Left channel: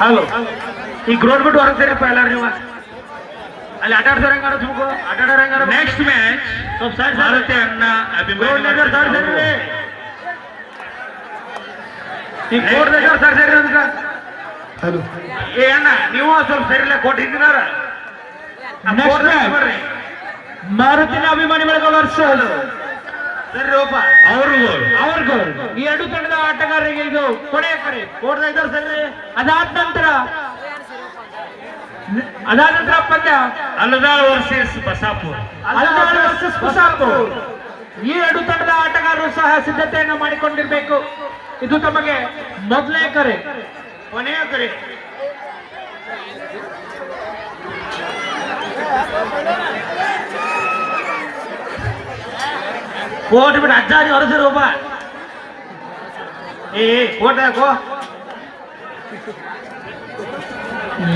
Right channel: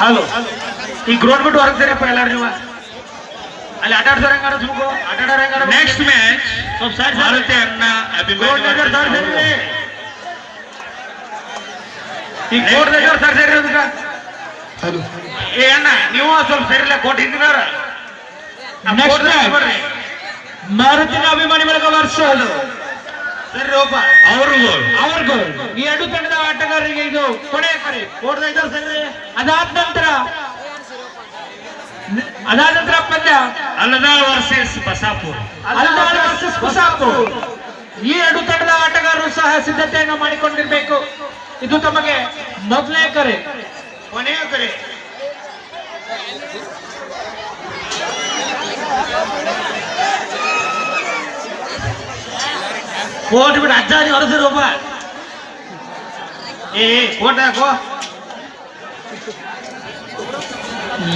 Hello ಈಗ road ಬಿಟ್ಟು ಹೊರಗೆ ಸೇರಿಪ್ಪ ಎಲ್ಲಾರು ನೀವು ಅಲ್ಲಿ ಆಟಾಡ್ಸೋರು ಹೆಂಗಾರ ಸುಮ್ಕೋ ಆಟಾಡೋರು ಹೆಂಗಾರ ನೆಕ್ಸ್ಟ್ ಮ್ಯಾಚ್ ಸ್ವಲ್ಪ ಸೈಡ್ ಭಾರತೀಯ ಅಣ್ಣ ಅಭಿಮಾನಿ ಈಗ ಕೋರ್ಟ್ ಸರ್ ಸೇರಿ ಏ ಅಣ್ಣ ನೀವು ಸ್ವಲ್ಪ ಸೇರಿಲ್ಲ ಕೋರ್ಟ್ ಹಿಂದಿನಾರ ಮಾರುತಿನ ಅಭಿಮಾನಿ ಬಳಗ ವರ್ಷ ಸರಿ ರೋಪ ಅವ್ರಿಗೂ ಈ ಎರಡು ತಂಡದ ಆಟಗಾರರಿಗೆ ಇದು ಕೊನೆಯ ಕರೆ. ಕೋರ್ಟ್ ಇದ್ದಾರೆ ಸರಿ ಅದಾದ ನಂತರ ಪಂದ್ಯ ಅಲ್ಲದಾಳ್ ವರ್ಸಸ್ ಬಸಾಪುರ್. ಅಲ್ದಾಳ್ ವರ್ಸಸ್ ಕುಸಾಪುರ್. ಈ ಎರಡು ತಂಡದ ಆಟಗಾರರು ಸಹ ಸಿದ್ಧತೆಯನ್ನು ಮಾಡಿಕೊಂಡಿರಬೇಕು. ಇದು ತಮಗೆ ಮೊದಲನೇ ಕರೆ. ಕೊನೆಯ ಕರೆ ಕೋರ್ಟ್ ಬಿಟ್ಟು ಅಜ್ಜಾರಿ ಹೊರಸಿರು ಒಬ್ಬ ಕೋರ್ಟ್ ಹಾಕೋ.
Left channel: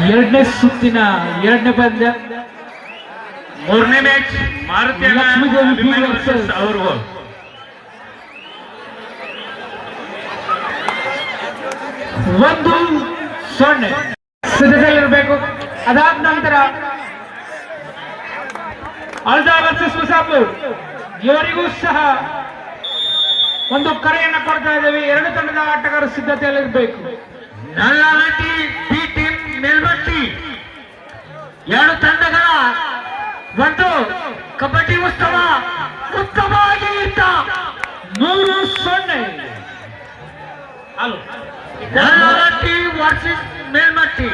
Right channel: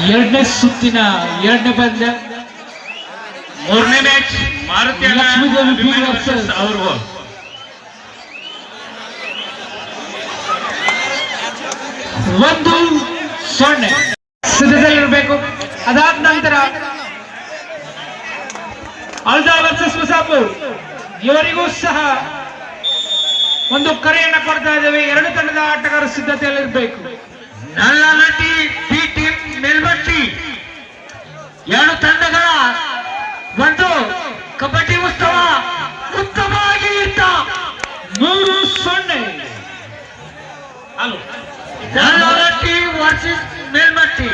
ಎರಡನೇ ಸುತ್ತಿನ ಎರಡನೇ ಪಂದ್ಯ ಮೂರನೇ match Maruti Lakshmidevi B versus ಅವ್ರಿಗೂ 1-0 ಸಿದ್ಧತೆಯಲ್ಲಿರಬೇಕು. ಅದಾದ ನಂತರ ಅಲ್ದಾಳ್ ವರ್ಸಸ್ ಕುಸಾಪುರ್ ಇವರಿಗೂ ಸಹ ಒಂದು ಕರೆಯನ್ನು ಕೊಡ್ತಾ ಇದ್ದೇವೆ. ಎರಡು ತಂಡದ ಆಟಗಾರರು ಸಿದ್ಧತೆಯಲ್ಲಿರಬೇಕು. ನಲ್ಲನಟಿ ಬಿ ಟೀಮ್ ಮೇಲ್ಮಟ್ಟಿ ಎರಡು ತಂಡಗಳ ಒಂದು ಕಬಡ್ಡಿ ಉತ್ಸವ ಉತ್ತಮವಾಗಿ ಇತ್ತ 3-0 ನಲ್ಲನಟಿ ವರ್ಸಸ್ ಮೇಲ್ಮಟ್ಟಿ.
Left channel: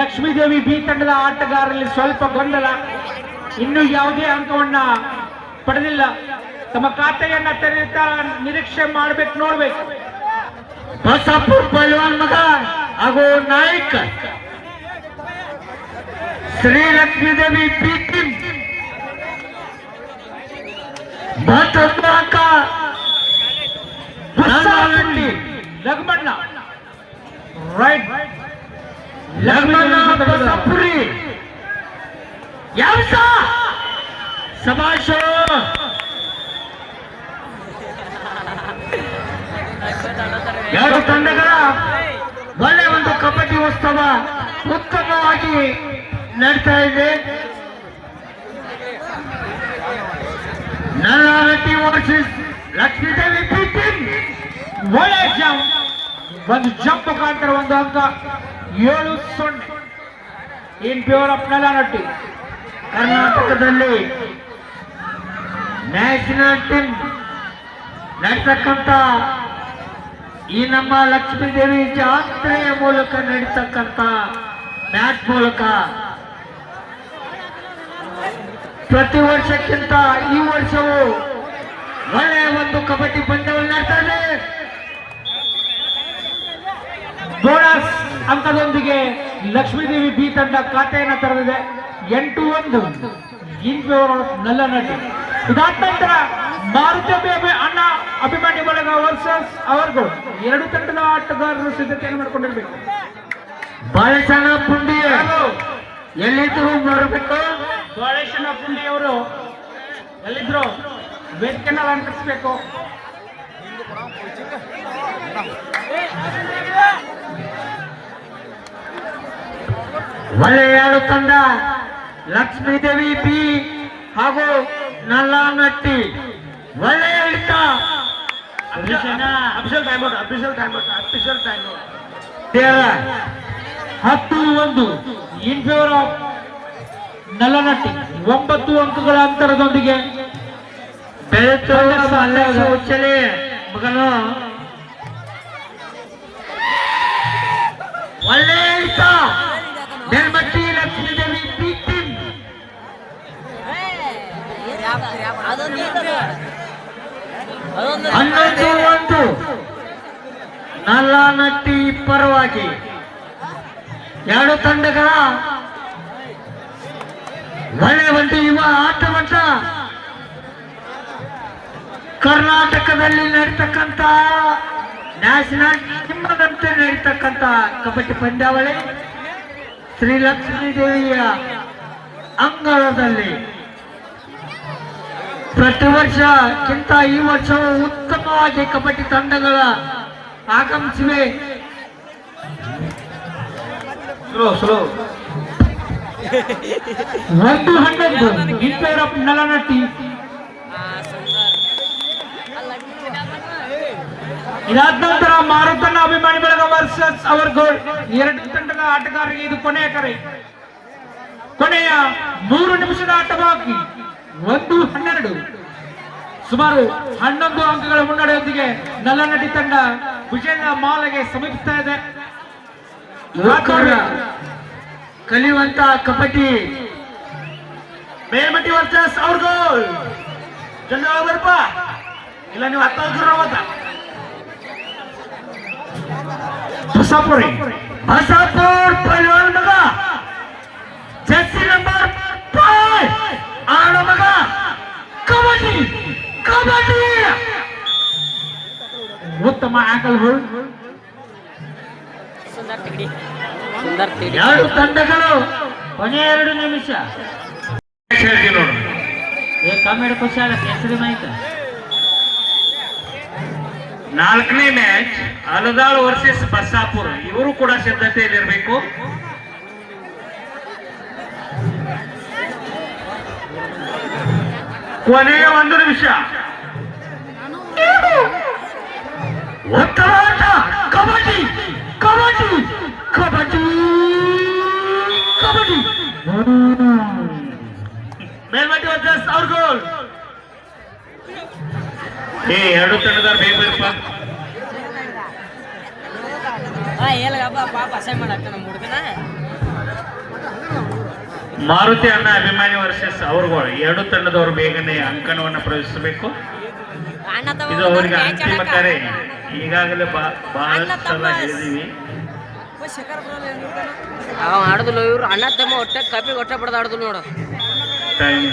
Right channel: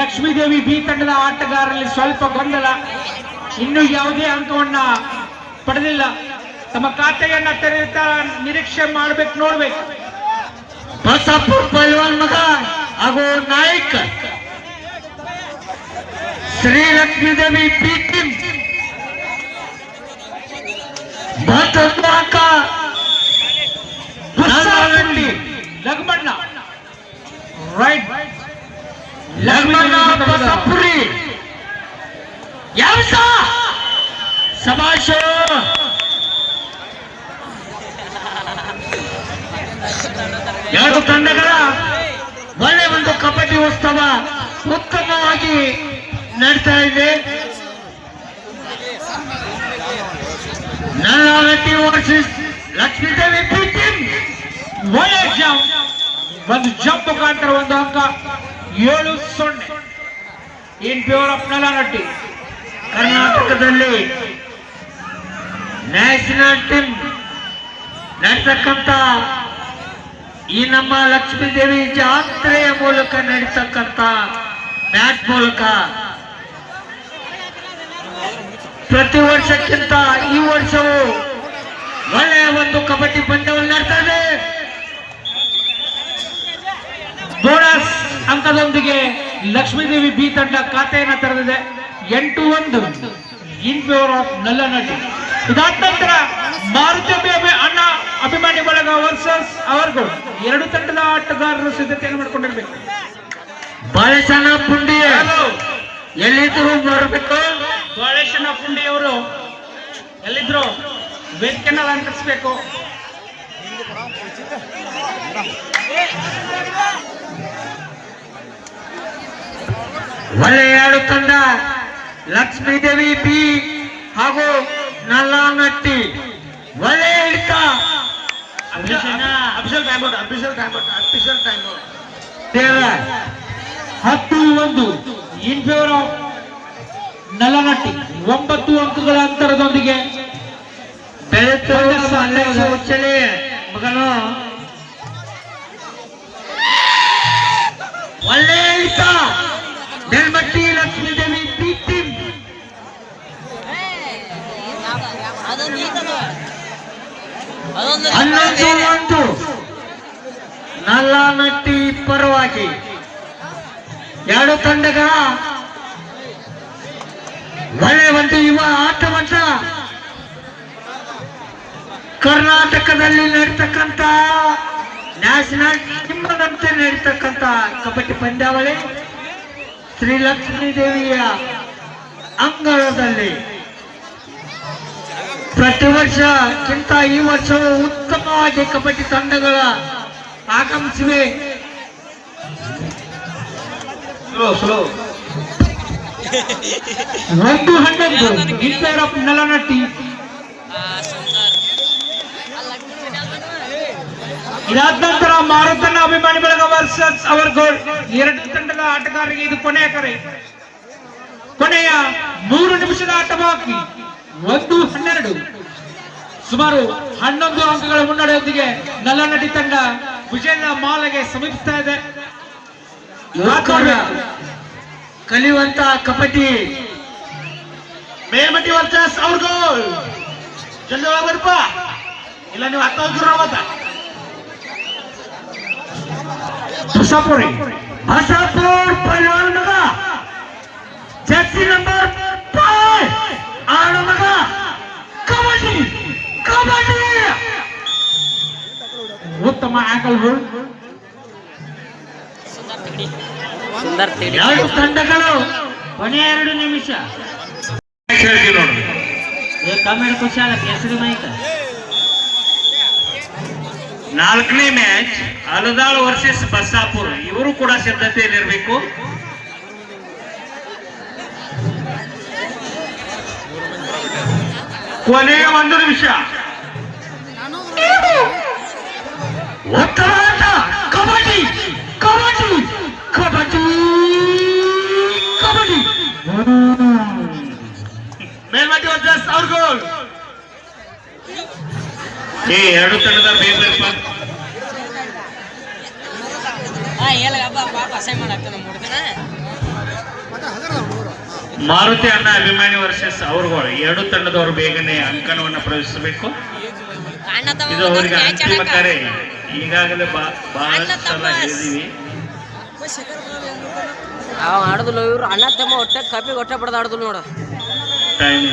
ಲಕ್ಷ್ಮೀದೇವಿ ಬಿ ತಂಡದ ಆಟಗಾರರಲ್ಲಿ ಸ್ವಲ್ಪ ಗೊಂದಲ, ಇನ್ನೂ ಯಾವುದೇ ಅಂಕವನ್ನ ಪಡೆದಿಲ್ಲ. ತಮ್ಮ ಖಾತೆಯನ್ನ ತೆರೆಯುತ್ತಾ ನಿರೀಕ್ಷೆ ಮಾಡ್ಬೇಕು, ನೋಡ್ಬೇಕು. ಬಸಾಪುರ್ ಪೈಲ್ವಾನ್ ಮಗ ಹಾಗೂ ನಾಯಕ್ ಶ್ರೀ ಲಕ್ಷ್ಮೀದೇವಿ ಬಿ ಟೀಮ್ ಮತ್ತೊಂದು ಅಂಕ ನಲ್ಲನಟ್ಟಿ ಲಗ್ಮಣ್ಣ ರೈಟ್ ಲಗ್ಮಣ್ಣ ಬಸಾಪುರಿ ಯಾವ ಸಮಾಶ ಎರಡು ತಂಡಗಳ ಒಳ್ಳೆ ಒಂದು ಕಬಡ್ಡಿ ಉತ್ಸವ ಉತ್ತಮವಾಗಿ ನಡೀತಾ ಇದೆ. ನಲ್ಲನಟ್ಟಿ ವರ್ಸಸ್ ಲಕ್ಷ್ಮೀದೇವಿ ಬಿ ಟೀಮ್ ಒಳ್ಳೆ ಜಂಪ್, ಒಂದು ಜಂಪ್ ಮುಖಾಂತರ ಒಂದು ಅಂಕ 7-0 ಇನ್ ಫೇವರ್ ಆಫ್ ನಲ್ಲನಟ್ಟಿ. ಕರ್ನಾಟಕದಲ್ಲಿ ನ್ಯಾಷನಲ್ ಟೀಮ್ ನಡೀತಕ್ಕಂಥ ಈ ನಮ್ಮ ಲಕ್ಷ್ಮೀದೇವಿ ಜಾತ್ರೆಯ ಮೂಲಕ ನಡೀತಕ್ಕಂಥ ಮ್ಯಾಚ್ ಮೂಲಕ ಪ್ರತಿ ವರ್ಷಕ್ಕಿಂತ ಈ ವರ್ಷವೂ ಒಳ್ಳೆಯ ಒಂದು ಕಬಡ್ಡಿ ಪಂದ್ಯವನ್ನು ನಡೀತಾ ಇದೆ. ಬೋನಸ್ ಅಂಕದೊಂದಿಗೆ ಲಕ್ಷ್ಮೀದೇವಿ ಬಿ ತಂಡ ಖಾತೆಯನ್ನು ತೆರೆದಿದೆ 8-1 ಇನ್ ಫೇವರ್ ಆಫ್ ನಲ್ಲನಟ್ಟಿ. ಇದಾದ ನಂತರ ಮಾರುತಿ ಅಣ್ಣ ಅಭಿಮಾನಿ ಬಳಗ ವರ್ಸಸ್ ಅವ್ರಿಗೂ ಎರಡು ತಂಡದ ಆಟಗಾರರು ಸಿದ್ಧತೆಯನ್ನು ಮಾಡಿಕೊಂಡಿರ್ಬೇಕು. ಬಾಳೆಸನ ಪುಂಡಿ ಎಲ್ಲಿದ್ರು ಬರಬೇಕು. ಬಾಳೇಶನ ಪುಂಡಿ ಅವರು ಎಲ್ಲಿದ್ರು ವೇದಿಕೆನ ಅಲಂಕರಿಸಬೇಕು. ಒಳ್ಳೆಯ ಎರಡು ತಂಡ ಲಕ್ಷ್ಮೀದೇವಿ ಬಿ ಹಾಗೂ ನಲ್ಲನಟ್ಟಿ ಒಳ್ಳೆಯ ಹಿಡಿತ. 10-1 ಇನ್ ಫೇವರ್ ಆಫ್ ನಲ್ಲನಟ್ಟಿ. 9 ಅಂಕಗಳ ಅಂತರದೊಂದಿಗೆ ಉಚ್ಚಲೆ ಮಗನು ಒಳ್ಳೆಯ ಹಿಡಿತ. ಮೇಲ್ಮಟ್ಟಿ ಲಕ್ಷ್ಮೀದೇವಿ ಬಿ ಟೀಮ್ 11-1 ನಲ್ಲನಟ್ಟಿ ಪರವಾಗಿ. ಎರಡು ತಂಡಗಳ ಒಳ್ಳೆಯ ಒಂದು ಯುವ ಆಟವಾಟ ಕರ್ನಾಟಕದಲ್ಲಿ ನಡೀತಕ್ಕಂಥ ನ್ಯಾಷನಲ್ ಟೀಮ್ನಂತೆ ನಡೀತಕ್ಕಂಥ ಕಬಡ್ಡಿ ಪಂದ್ಯಾವಳಿ ಶ್ರೀ ಲಕ್ಷ್ಮೀದೇವಿಯ ಅಂಗಳದಲ್ಲಿ ಪ್ರತಿ ವರ್ಷಕ್ಕಿಂತ ಈ ವರ್ಷವೂ ಉತ್ತಮವಾಗಿ ಕಬಡ್ಡಿ ತಂಡಗಳ ಆಗಮಿಸಿವೆ. Slow 1-11 in favor of Nalanati. ಇದಾದ ನಂತರ ಮಾರುತನ ಅಭಿಮಾನಿ ಬಳಗ ವರ್ಸಸ್ ಅವರ್ ಗೋಲ್. ಎರಡು ತಂಡದ ಆಟಗಾರರಿಗೆ ಇದು ಕೊನೆಯ ಕರೆ. ಕೊನೆಯ 3 ನಿಮಿಷದ ಆಟ ಬಾಕಿ. 1-12 ಸುಮಾರು 11 ಅಂಕಗಳ ಮುನ್ನಡೆಯೊಂದಿಗೆ ನಲ್ಲನಟಿ ತಂಡ ವಿಜಯದ ಮಾಲೆಗೆ ಸಮೀಪಿಸ್ತಾ ಇದೆ. ಕಲಿಯುವಂತ ಕಬಡ್ಡಿ ಮೇಲ್ಮಟ್ಟಿ ವರ್ಸಸ್ ಅವ್ರ ಗೋಲ್. ಜಲ್ದಿ ಬರ್ಪ, ಇಲ್ಲ ನೀವು ಹತ್ತ ಹೋಗ್ರ. ಬಸಾಪುರಿ ಬಸಾಪುರ್ ಪೈಲ್ವಾನ್ ಮಗ, ಜರ್ಸಿ ನಂಬರ್ 5 ಆಡ ಮಗ. ಕಬಡ್ಡಿ ಕಬಡ್ಡಿ ಉತ್ತಮ ಆಂಕಲ್ ಹೋಲ್ಡ್. ಸುಂದರ್ ತಿಡಿ ಎರಡು ತಂಡಗಳು ಕೊನೆಯ 2 ನಿಮಿಷ. ಹೇಳ್ತೀವಿ ನೋಡು. ಕಮೆಂಟ್ ಖುಷಿ ಆಗತ್ತೆ. ಹೆಸರು ಮಾಹಿತಿ 4ನೇ ಮ್ಯಾಚ್ ಅಲದಾಳ್ ವರ್ಸಸ್ ಬಸಾಪುರ. ಇವರು ಕೂಡ ಸಿದ್ಧತೆಯಲ್ಲಿರಬೇಕು. ಕೊನೆಯ 1 ನಿಮಿಷ. ಉತ್ತಮ ಆಟ. ಕಬಡ್ಡಿ ಕಬಡ್ಡಿ ಕಬಡ್ಡಿ ಕಬಡ್ಡಿ. ಮೇಲ್ಮಟ್ಟಿ ವರ್ಸಸ್ ಅವ್ರ ಗೋಲ್. ಎರಡು ತಂಡದ ಬೇಕಪ್ಪ. ಮಾರುತಿ ಅಣ್ಣ ಅಭಿಮಾನಿ ವರ್ಸಸ್ ಅವ್ರಗಳು. ಎರಡು ತಂಡದವರು ಬೇಗನೆ ಅಂಕಣವನ್ನು ಪ್ರವೇಶಿಸಬೇಕು. ಇದು ಅವರಿಗೆ ಅಂತಿಮ ಕರೆ. ಈಗಾಗಲೇ ಬಹಳ ಸಲ ಹೇಳಿದೀವಿ. ಅವ ಆಡುದಿಲ್ಲ. ಇವ್ರು ಅಣ್ಣ ತಮ್ಮ ಹೊಟ್ಟೆ ಕಾಪಿ ಹೊಟ್ಟೆ ಪಡೆದ ಆಡುದಿಲ್ಲ ನೋಡು. ಟೈಮ್